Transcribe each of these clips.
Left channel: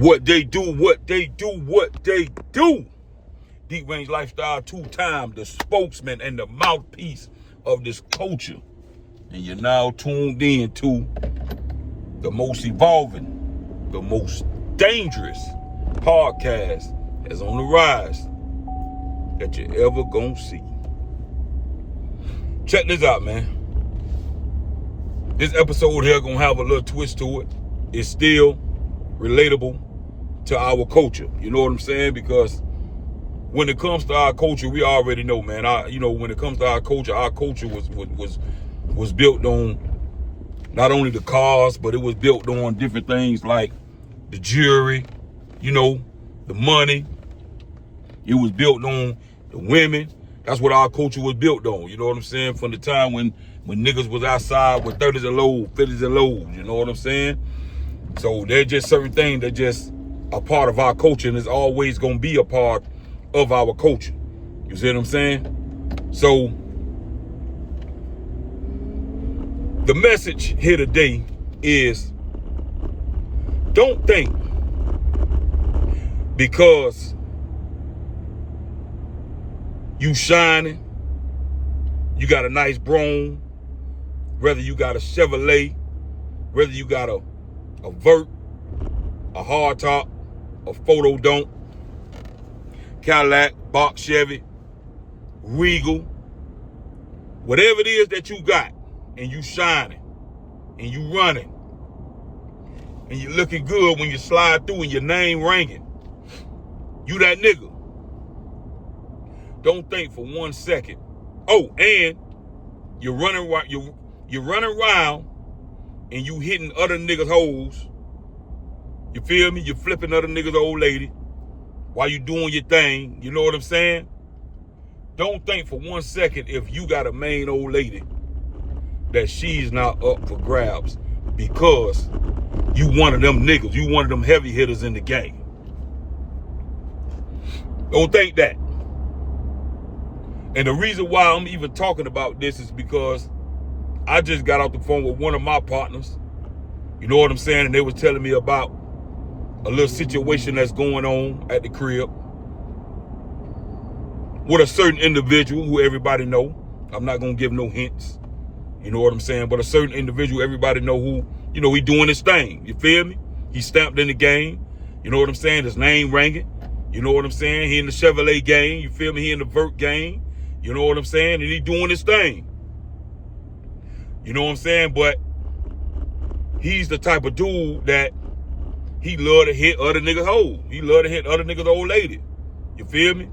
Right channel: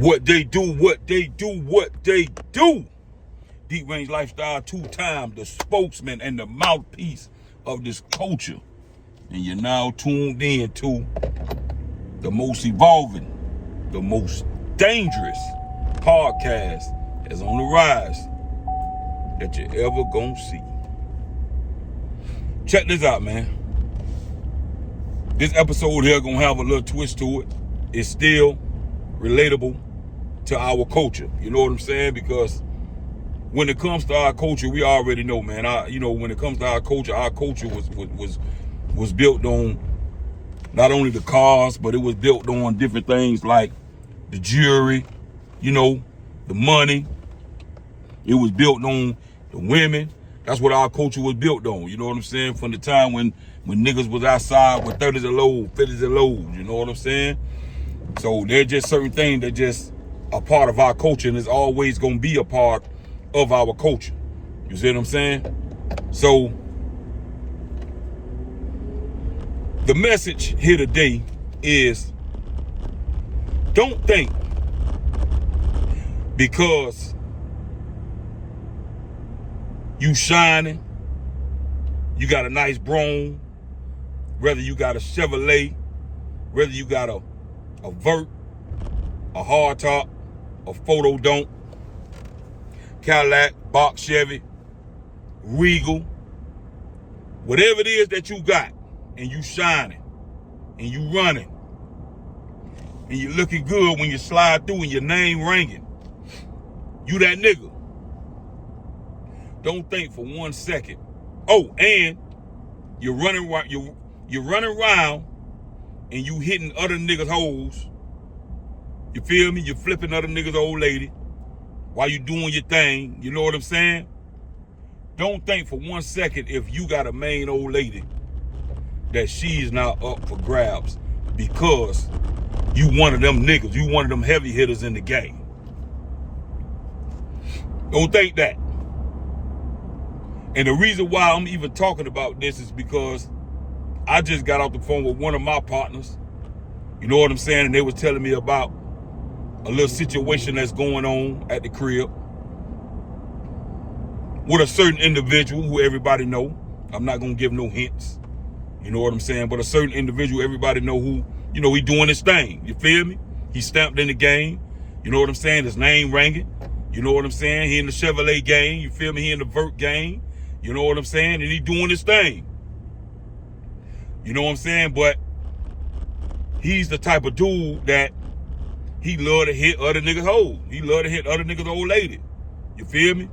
What they do. Deep Range Lifestyle, 2-time the spokesman and the mouthpiece of this culture. And you're now tuned in to the most evolving, the most dangerous podcast that's on the rise that you ever gonna see. Check this out, man. This episode here gonna have a little twist to it. It's still relatable to our culture. You know what I'm saying? Because when it comes to our culture, we already know, man. When it comes to our culture was built on not only the cars, but it was built on different things like the jewelry, the money. It was built on the women. That's what our culture was built on. You know what I'm saying? From the time when niggas was outside with 30s and lows, 50s and lows. You know what I'm saying? So there's just certain things that just a part of our culture, and it's always gonna be a part of our culture. You see what I'm saying? So the message here today is, don't think because you shining, you got a nice Brougham, whether you got a Chevrolet, whether you got a Vert, a hardtop, a photo don't, Cadillac, box Chevy, Regal, whatever it is that you got, and you shining, and you running, and you looking good when you slide through and your name ringing, you that nigga. Don't think for 1 second. Oh, and you're running around and you hitting other niggas' hoes. You feel me? You're flipping other niggas' old lady while you doing your thing. You know what I'm saying? Don't think for 1 second if you got a main old lady that she's not up for grabs because you one of them niggas. You one of them heavy hitters in the game. Don't think that. And the reason why I'm even talking about this is because I just got off the phone with one of my partners. You know what I'm saying? And they was telling me about a little situation that's going on at the crib with a certain individual who everybody know. I'm not going to give no hints. You know what I'm saying? But a certain individual, everybody know who, he doing his thing. You feel me? He stamped in the game. You know what I'm saying? His name ringing. You know what I'm saying? He in the Chevrolet game. You feel me? He in the Vert game. You know what I'm saying? And he doing his thing. You know what I'm saying? But he's the type of dude that he love to hit other niggas' hoes. He love to hit other niggas' old lady. You feel me?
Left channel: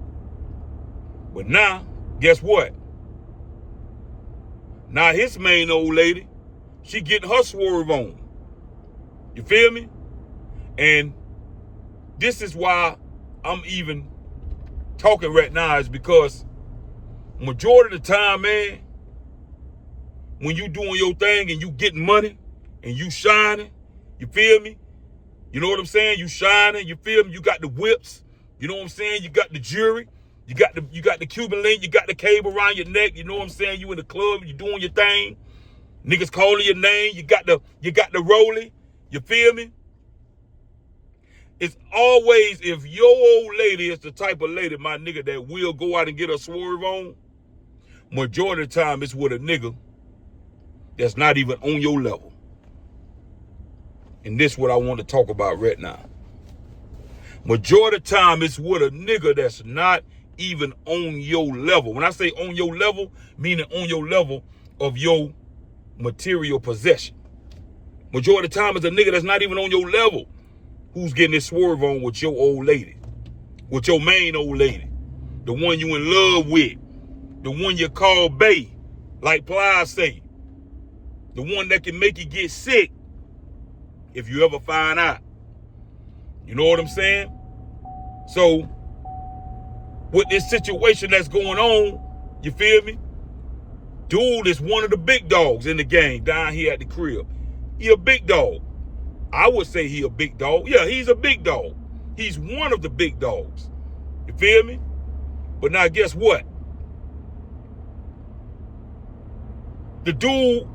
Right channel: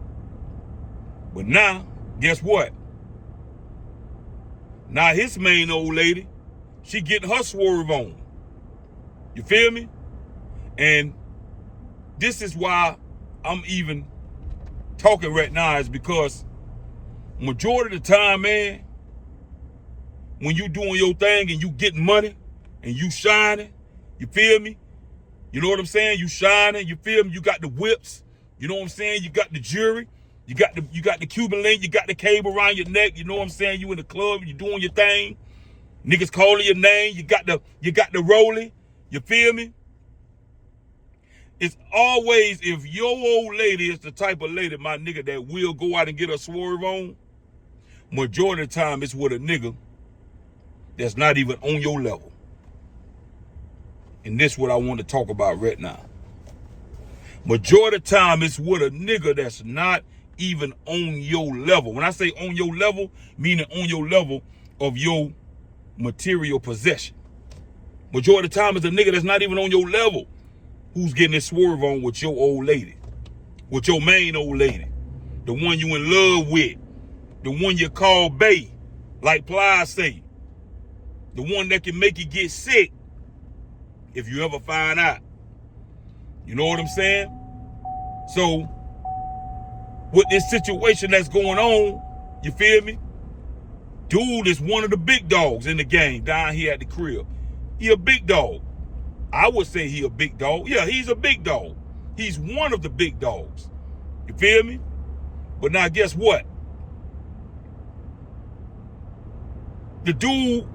But now, guess what? Now his main old lady, she getting her swerve on. You feel me? And this is why I'm even talking right now, is because majority of the time, man, when you doing your thing and you getting money and you shining, you feel me? You know what I'm saying? You shining, you feel me? You got the whips, you know what I'm saying? You got the jewelry, you got the Cuban link, you got the cable around your neck, you know what I'm saying? You in the club, you doing your thing. Niggas calling your name, you got the rollie, you feel me? It's always, if your old lady is the type of lady, my nigga, that will go out and get a swerve on, majority of the time it's with a nigga that's not even on your level. And this is what I want to talk about right now. Majority of the time it's with a nigga that's not even on your level. When I say on your level, meaning on your level of your material possession. Majority of the time it's a nigga that's not even on your level who's getting this swerve on with your old lady, with your main old lady, the one you in love with, the one you call bae, like Plies say, the one that can make you get sick if you ever find out. You know what I'm saying? So, with this situation that's going on, you feel me? Dude is one of the big dogs in the game down here at the crib. He a big dog. I would say he a big dog. Yeah, he's a big dog. He's one of the big dogs. You feel me? But now guess what? The dude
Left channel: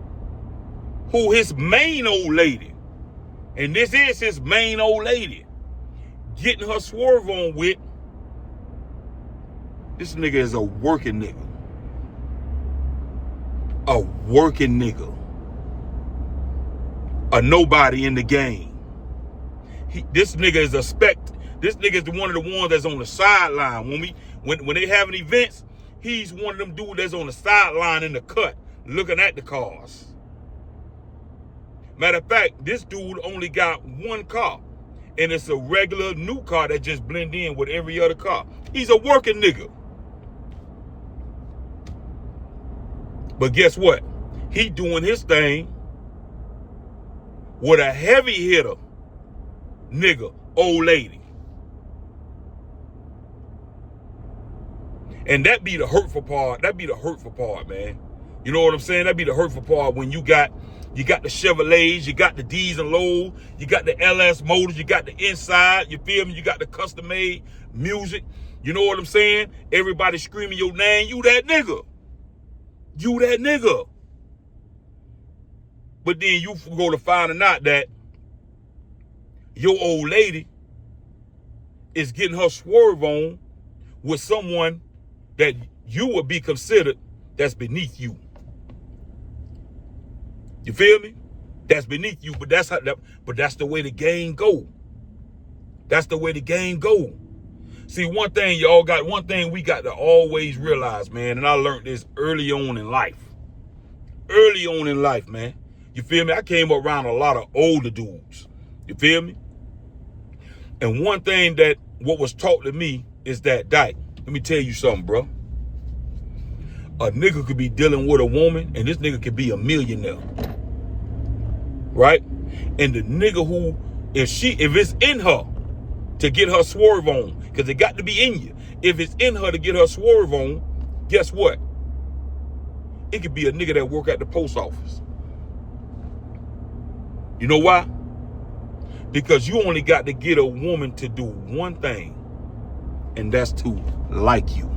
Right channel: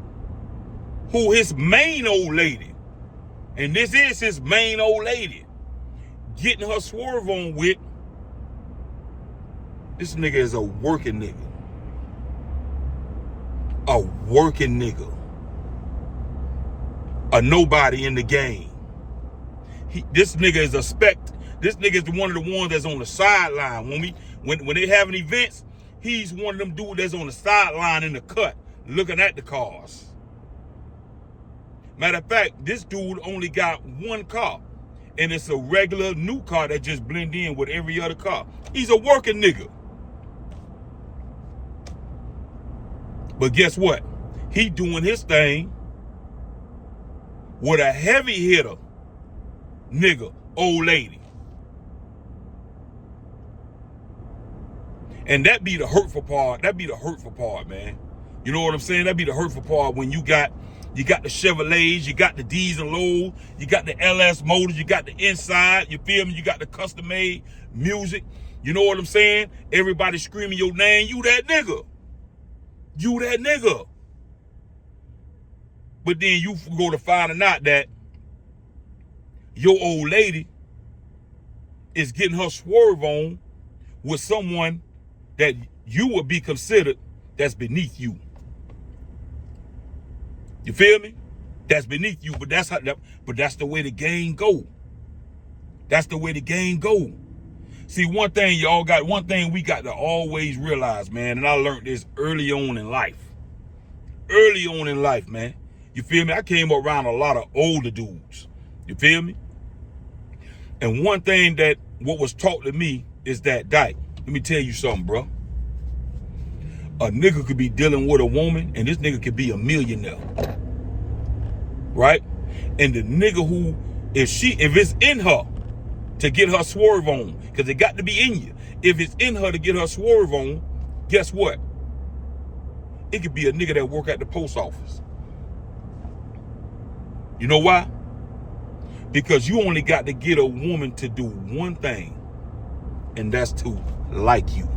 who his main old lady, and this is his main old lady, getting her swerve on with, this nigga is a working nigga. A working nigga. A nobody in the game. This nigga is a this nigga is one of the ones that's on the sideline. When they having events, he's one of them dudes that's on the sideline in the cut, looking at the cars. Matter of fact, this dude only got one car, and it's a regular new car that just blend in with every other car. He's a working nigga. But guess what? He doing his thing with a heavy hitter nigga, old lady. And that be the hurtful part. That be the hurtful part, man. You know what I'm saying? That be the hurtful part when you got the Chevrolets, you got the D's and Lows, you got the LS motors, you got the inside, you feel me? You got the custom made music. You know what I'm saying? Everybody screaming your name, you that nigga. You that nigga. But then you go to finding out that your old lady is getting her swerve on with someone that you would be considered that's beneath you. You feel me? That's beneath you, but that's the way the game go. That's the way the game go. See, one thing we got to always realize, man, and I learned this early on in life. Early on in life, man. You feel me? I came around a lot of older dudes. You feel me? And one thing that what was taught to me is that, Dyke, let me tell you something, bro. A nigga could be dealing with a woman, and this nigga could be a millionaire. Right? And the nigga who, if it's in her to get her swerve on, because it got to be in you. If it's in her to get her swerve on, guess what? It could be a nigga that work at the post office. You know why? Because you only got to get a woman to do one thing, and that's to like you.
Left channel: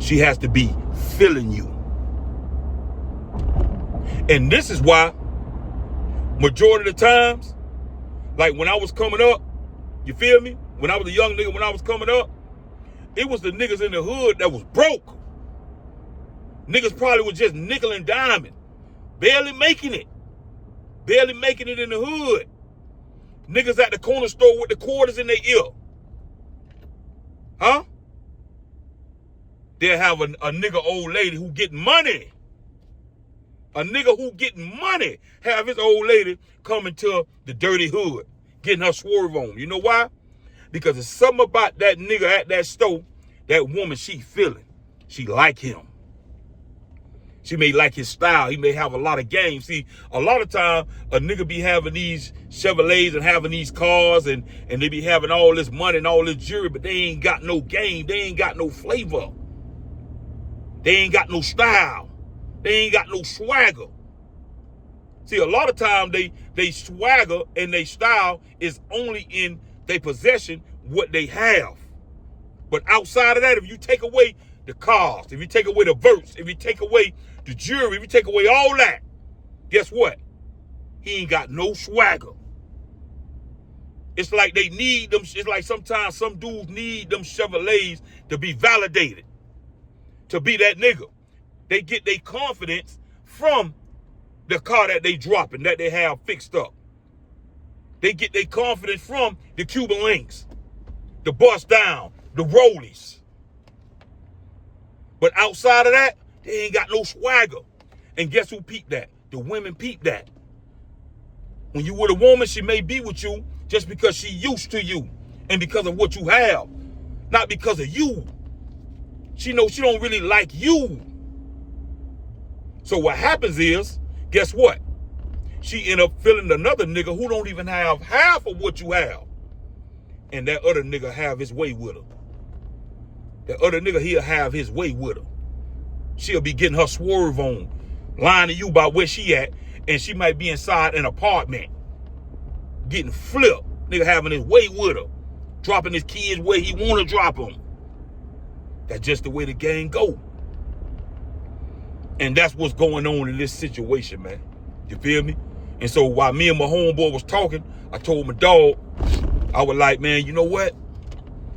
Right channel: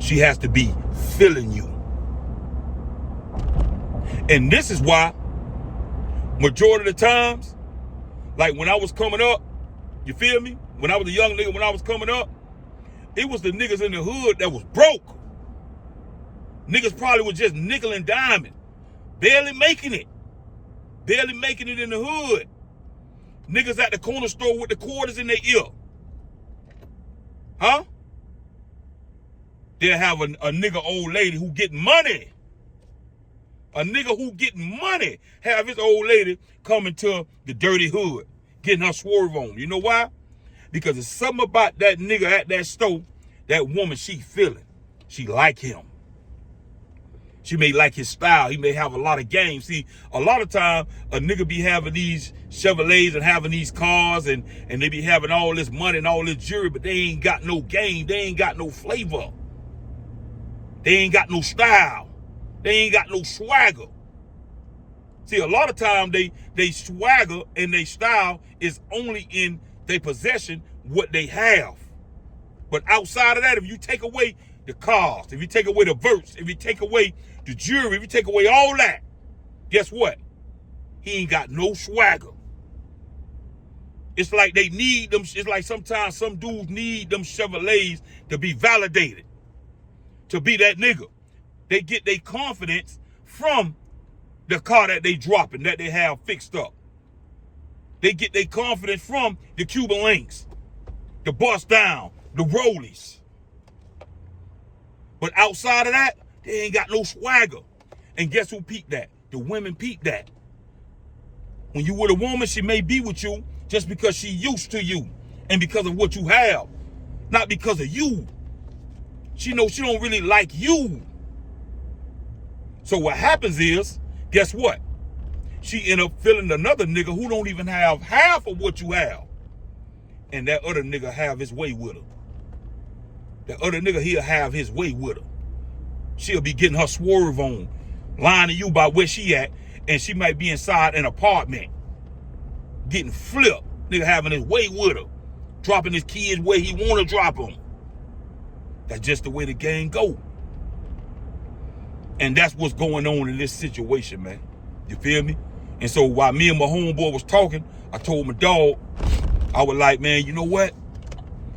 She has to be feeling you. And this is why, majority of the times, like when I was coming up, you feel me? When I was a young nigga, when I was coming up, it was the niggas in the hood that was broke. Niggas probably was just nickel and diming, barely making it. Barely making it in the hood. Niggas at the corner store with the quarters in their ear. Huh? They'll have a nigga old lady who getting money. A nigga who getting money have his old lady coming to the dirty hood, getting her swerve on. You know why? Because there's something about that nigga at that store, that woman, she feeling. She like him. She may like his style. He may have a lot of game. See, a lot of time, a nigga be having these Chevrolets and having these cars and they be having all this money and all this jewelry, but they ain't got no game. They ain't got no flavor. They ain't got no style. They ain't got no swagger. See, a lot of time they swagger and they style is only in their possession what they have. But outside of that, if you take away the cars, if you take away the verse, if you take away the jewelry, if you take away all that, guess what? He ain't got no swagger. It's like they need them. It's like sometimes some dudes need them Chevrolets to be validated, to be that nigga. They get their confidence from the car that they dropping, that they have fixed up. They get their confidence from the Cuban links, the bust down, the rollies. But outside of that, they ain't got no swagger. And guess who peeped that? The women peeped that. When you with a woman, she may be with you just because she used to you and because of what you have, not because of you. She knows she don't really like you. So what happens is, guess what? She end up feeling another nigga who don't even have half of what you have. And that other nigga have his way with her. That other nigga, he'll have his way with her. She'll be getting her swerve on, lying to you about where she at, and she might be inside an apartment, getting flipped. Nigga having his way with her, dropping his kids where he want to drop them. That's just the way the game go. And that's what's going on in this situation, man. You feel me? And so while me and my homeboy was talking, I told my dog, I was like, man, you know what?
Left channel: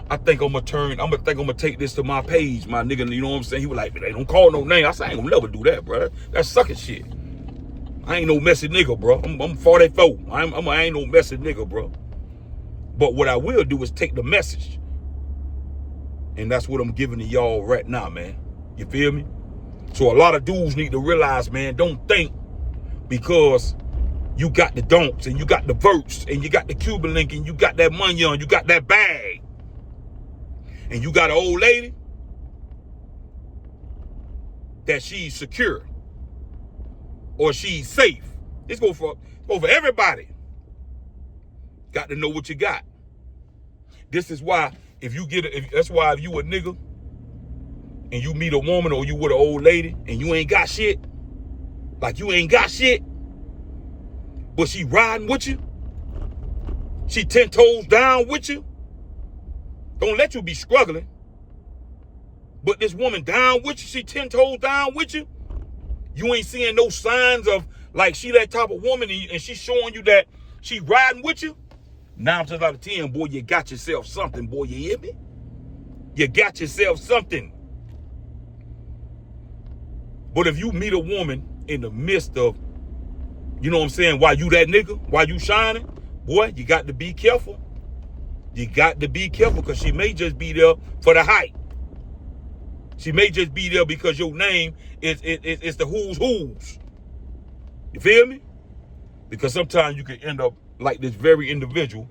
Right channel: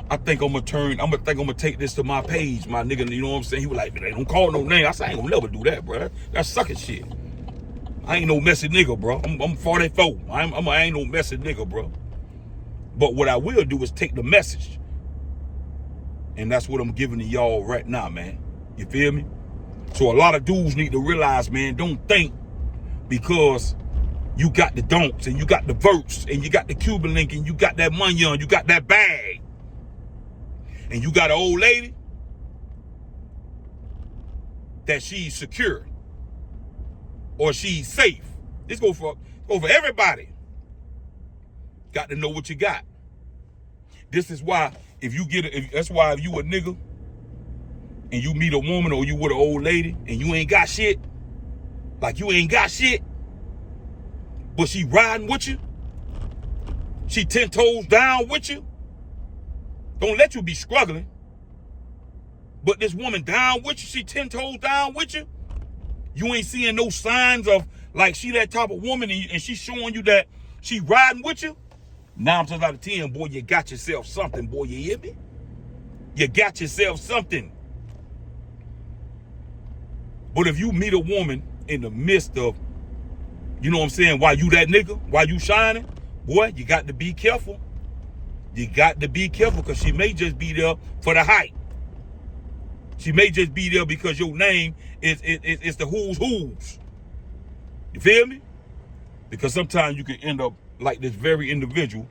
I think I'm gonna take this to my page, my nigga. You know what I'm saying? He was like, man, they don't call no name. I said, I ain't gonna never do that, bro. That's sucking shit. I ain't no messy nigga, bro. I'm 44. I ain't no messy nigga, bro. But what I will do is take the message. And that's what I'm giving to y'all right now, man. You feel me? So a lot of dudes need to realize, man, don't think because you got the donks and you got the verts and you got the Cuban link and you got that money on, you got that bag, and you got an old lady, that she's secure or she's safe. This go for everybody. Got to know what you got. This is why if you a nigga and you meet a woman or you with an old lady and you ain't got shit, like you ain't got shit, but she riding with you, she 10 toes down with you, don't let you be struggling, but this woman down with you, she 10 toes down with you, you ain't seeing no signs of like she that type of woman and she showing you that she riding with you. 9 times out of 10, boy, you got yourself something, boy, you hear me? You got yourself something. But if you meet a woman in the midst of, you know what I'm saying, while you that nigga, while you shining, boy, you got to be careful. You got to be careful because she may just be there for the hype. She may just be there because your name is the who's who's. You feel me? Because sometimes you can end up like this very individual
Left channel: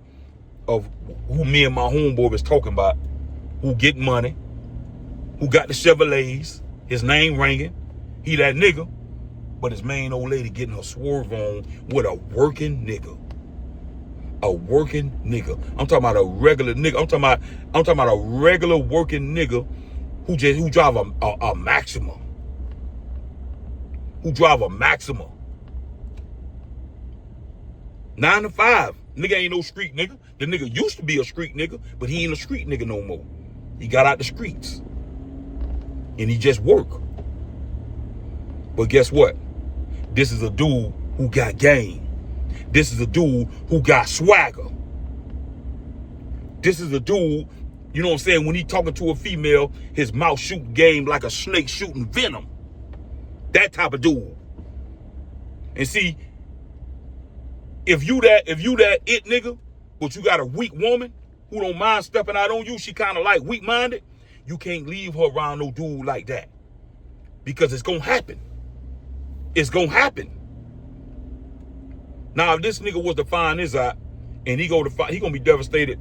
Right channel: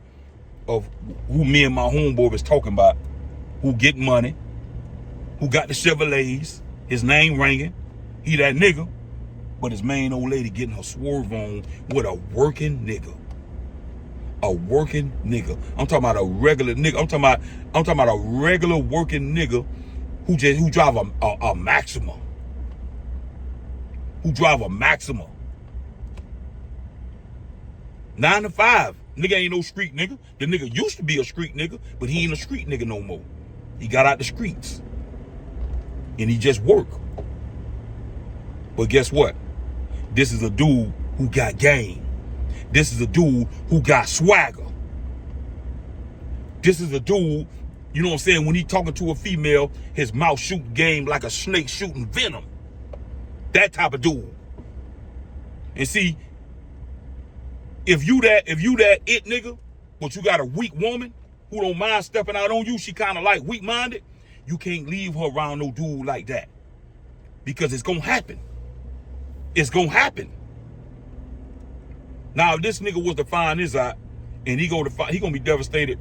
of who me and my homeboy was talking about, who get money, who got the Chevrolets, his name ringing, he that nigga, but his main old lady getting her swerve on with a working nigga. A working nigga. I'm talking about a regular nigga. I'm talking about a regular working nigga who drive a Maxima. Who drive a Maxima. 9 to 5. Nigga ain't no street nigga. The nigga used to be a street nigga, but he ain't a street nigga no more. He got out the streets. And he just work. But guess what? This is a dude who got game. This is a dude who got swagger. This is a dude, you know what I'm saying, when he talking to a female, his mouth shooting game like a snake shooting venom. That type of dude. And see, if you that it nigga, but you got a weak woman who don't mind stepping out on you, she kind of like weak-minded, you can't leave her around no dude like that. Because it's gonna happen. It's gonna happen. Now, if this nigga was to find this out, and he gonna be devastated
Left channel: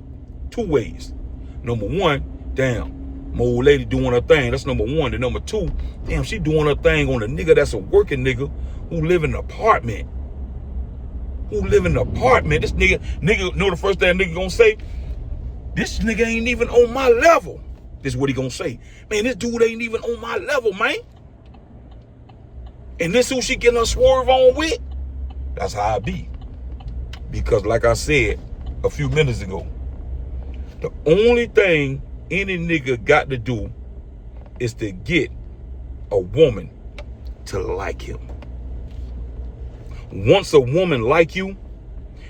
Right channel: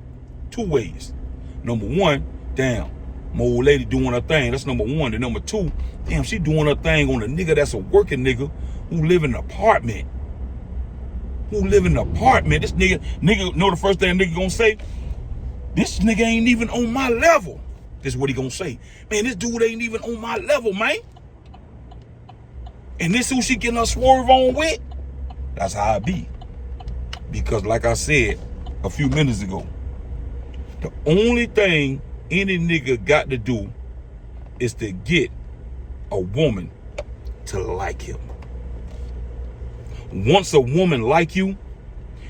2 ways. Number 1, damn, my old lady doing her thing. That's number 1. And number 2, damn, she doing her thing on a nigga that's a working nigga who live in an apartment. This nigga know the first thing nigga gonna say? This nigga ain't even on my level. This is what he gonna say. Man, this dude ain't even on my level, man. And this who she getting her swerve on with? That's how I be. Because like I said a few minutes ago, the only thing any nigga got to do is to get a woman to like him. Once a woman like you,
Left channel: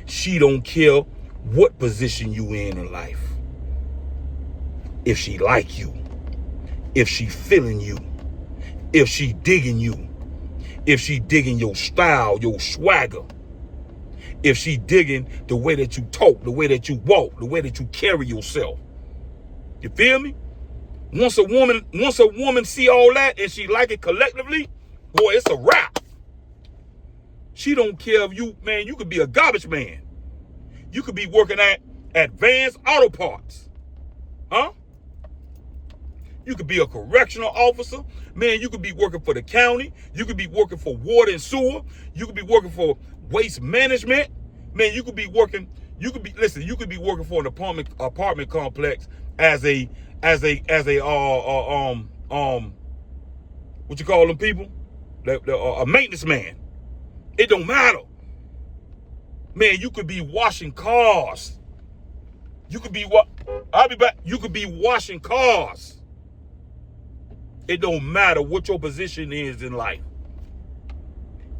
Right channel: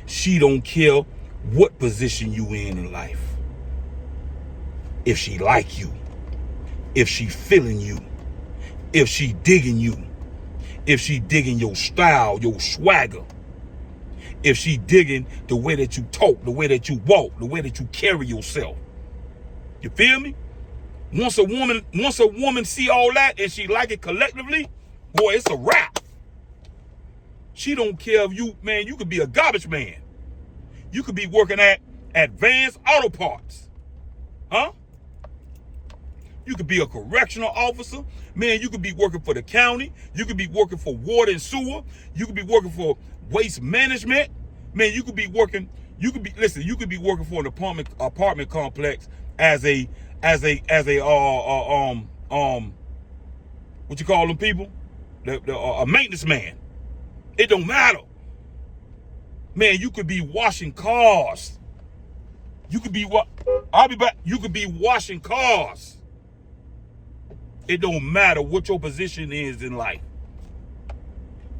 she don't care what position you in life. If she like you, if she feeling you, if she digging you, if she digging your style, your swagger, if she digging the way that you talk, the way that you walk, the way that you carry yourself. You feel me? Once a woman see all that and she like it collectively, boy, it's a wrap. She don't care if you could be a garbage man. You could be working at Advanced Auto Parts. Huh? You could be a correctional officer. Man, you could be working for the county. You could be working for water and sewer. You could be working for waste management. Man, you could be working for an apartment complex as a what you call them people? A maintenance man. It don't matter. Man, you could be washing cars. You could be I'll be back. You could be washing cars. It don't matter what your position is in life.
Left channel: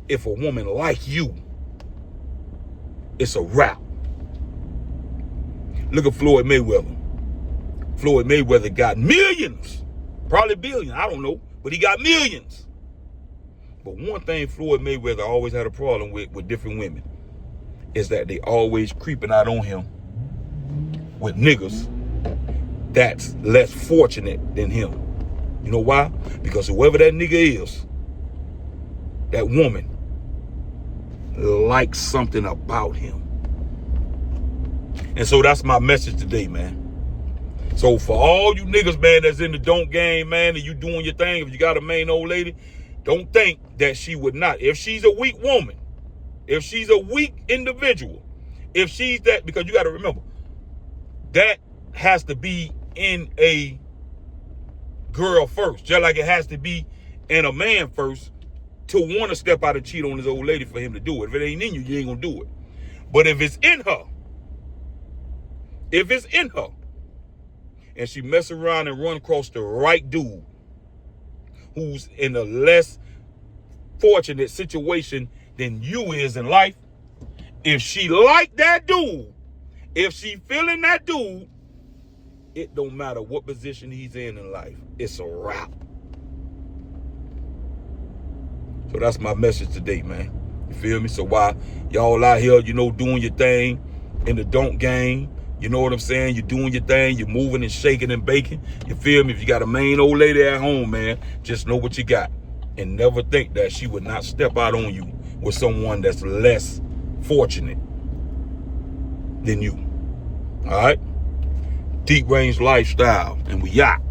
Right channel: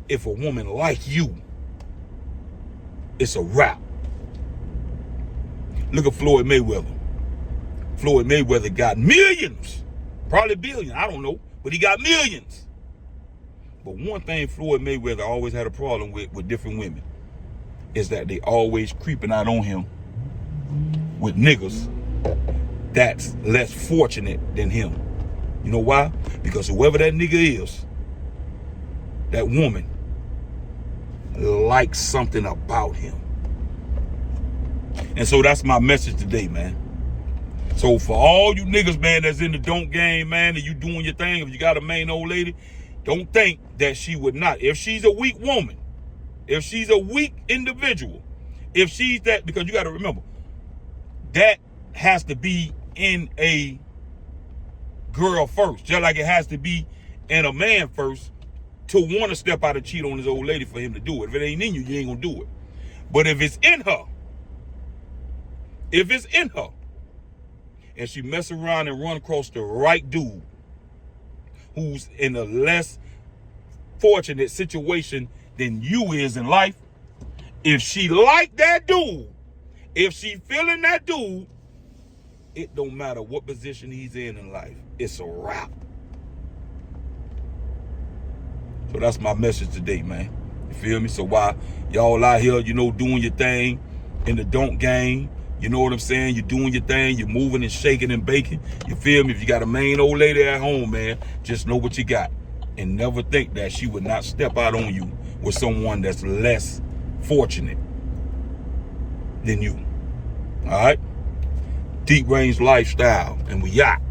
If a woman like you, it's a wrap. Look at Floyd Mayweather. Floyd Mayweather got millions, probably billions, I don't know, but he got millions. But one thing Floyd Mayweather always had a problem with different women is that they always creeping out on him with niggas that's less fortunate than him. You know why? Because whoever that nigga is, that woman likes something about him. And so that's my message today, man. So for all you niggas, man, that's in the don't game, man, and you doing your thing, if you got a main old lady, don't think that she would not. If she's a weak woman, if she's a weak individual, if she's that, because you got to remember, that has to be in a girl first, just like it has to be in a man first to want to step out and cheat on his old lady for him to do it. If it ain't in you, you ain't gonna do it. But if it's in her, and she mess around and run across the right dude who's in a less fortunate situation than you is in life, if she like that dude, if she feeling that dude, it don't matter what position he's in life. It's a wrap. So that's my message today, man. You feel me? So while y'all out here, you know, doing your thing in the don't game, you know what I'm saying? You're doing your thing. You're moving and shaking and baking. You feel me? If you got a main old lady at home, man, just know what you got. And never think that she would not step out on you with someone that's less fortunate than you. All right? Deep range lifestyle. And we out.